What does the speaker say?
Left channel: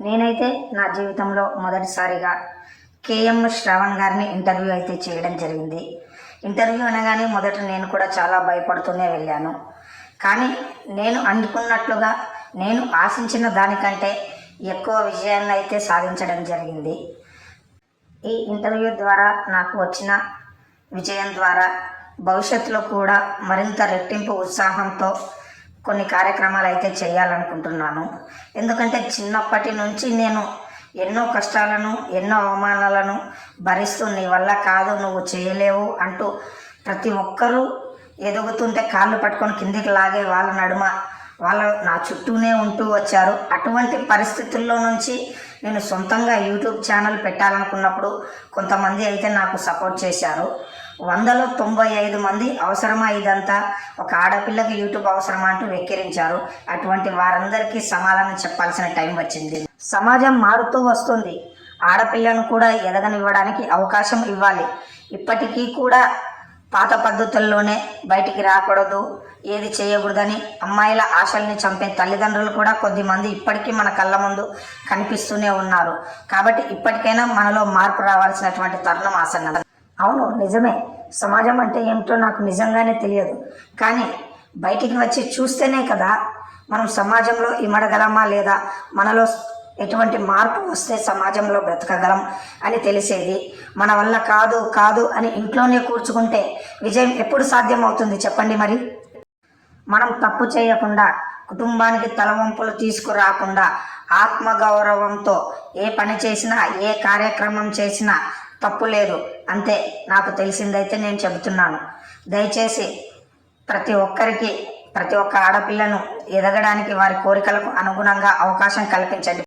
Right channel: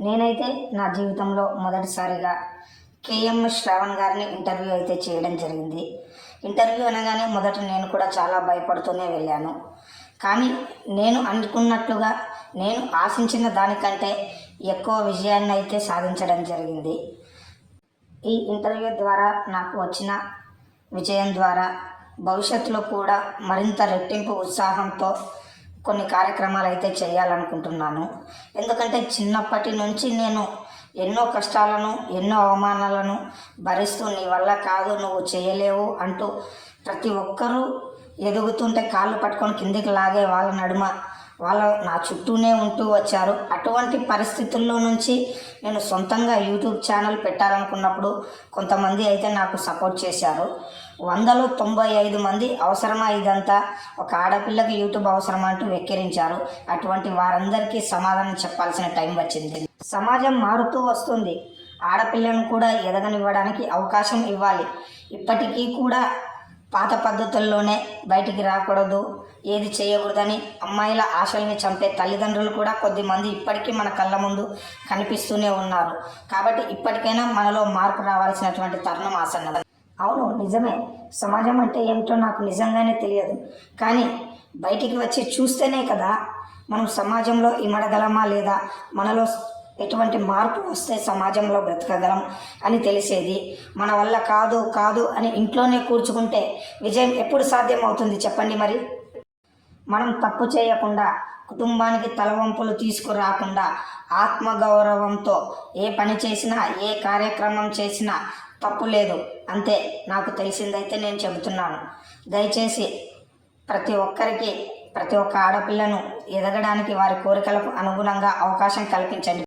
నేనైతే నా జీవితంలో మొదటిసారిగా కేఎం శ్రావణ్ గారిని ఇంటర్వ్యూ అయితే చేయడం జరిగింది. ఇంటర్వ్యూ అనగానే మొదట నేను కూడా చాలా భయపడుతూనే వెళ్ళాను. కానీ నేను అనుకున్నట్లుగా నేను ఆశించిన దానికంటే ఎక్కువ విజయాన్ని అయితే సాధించడం జరిగింది. ఈ ఇంటర్వ్యూ ద్వారా నాకు వచ్చిన విజయం ద్వారా భవిష్యత్తులో కూడా మరింత రెట్టింపు ఉత్సాహంతో కొన్ని కార్యక్రమాలు అయితే చేయాలనుకుంటున్నాను. ఎందుకంటే చిన్నప్పటి నుంచి నేను ఎన్నో కష్టాలను ఎన్నో అవమానాలను భరిస్తూ నీ వల్ల కాదు నువ్వు చేయలేవు అంటూ ప్రతి ఒక్కరూ ఎదుగుతుంటే కాళ్ళు పట్టుకొని కిందికి లాగే వాళ్ళ నడుమ వాళ్ళ నా చుట్టూనే ఉంటూ వచ్చారు. అటువంటి పరిస్థితుల్లో నుంచి నేను సొంతంగా యూట్యూబ్ ఛానల్ పెట్టాలనుకున్నప్పుడు కొంతమంది అయితే నాకు సపోర్ట్ చేశారు. వందలో తొంభై ఐదు మంది అవసరమా ఇదంతా? ఒక ఆడపిల్లకి యూట్యూబ్ అవసరమా అంటూ వెక్కిరించారు. అటువంటి వారందరికీ సమాధానం చెప్పాల్సిన టైం వచ్చింది. సమాజం మారుతూ వస్తుంది. ఆడపిల్లను కూడా ఎదగనివ్వడానికి అవకాశం ఇవ్వాలి. ఇప్పటికీ కూడా పాత పద్ధతుల్లోనే బయటికి రాకూడదు. ఏది చేయకూడదని అమ్మాయిల ఆశల్ని చంపే తల్లిదండ్రులు కూడా కొద్దిమంది ఇప్పటికీ మన కళ్ళ ముందు కనిపిస్తూనే ఉన్నారు. కాబట్టి ఇప్పటికైనా మనలో మార్పు రావాల్సినటువంటి తరుణం ఆసన్నం అవును నిజమే. సమాజం అంటే ఏమిటో నాకు నిజంగానే తెలియదు. కానీ బయటికి వచ్చి చూస్తేనే కదా మనం సమాజంలో ఇమడగలమా లేదా? మనలో ఎటువంటి మార్పు వస్తే సమాజంలో బ్రతకగలం అని తెలిసేది? మన వల్ల కాదు కాదు అని ఇంట్లోనే కూర్చుకుంటే విజయం ఎప్పుడు సాధ్యం అవుతుంది చెప్పండి మరి. మనం తప్పు చేయకుండా కుటుంబానికి తలవంపులు తీసుకురాకుండా ఆత్మగౌరవంతో ఏ పని చేసినా ఏ కార్యక్రమం చేసినా తప్పు లేదు. అంతే నాకు తెలిసిందైతే నేను చెబుతున్నాను. దయచేసి ప్రతి ఒక్కరికి ప్రతి ఒక్క ఆడపిల్లను ఎదగడానికి వారి కోరికలకు అనుగుణంగా అవకాశం కల్పించండి.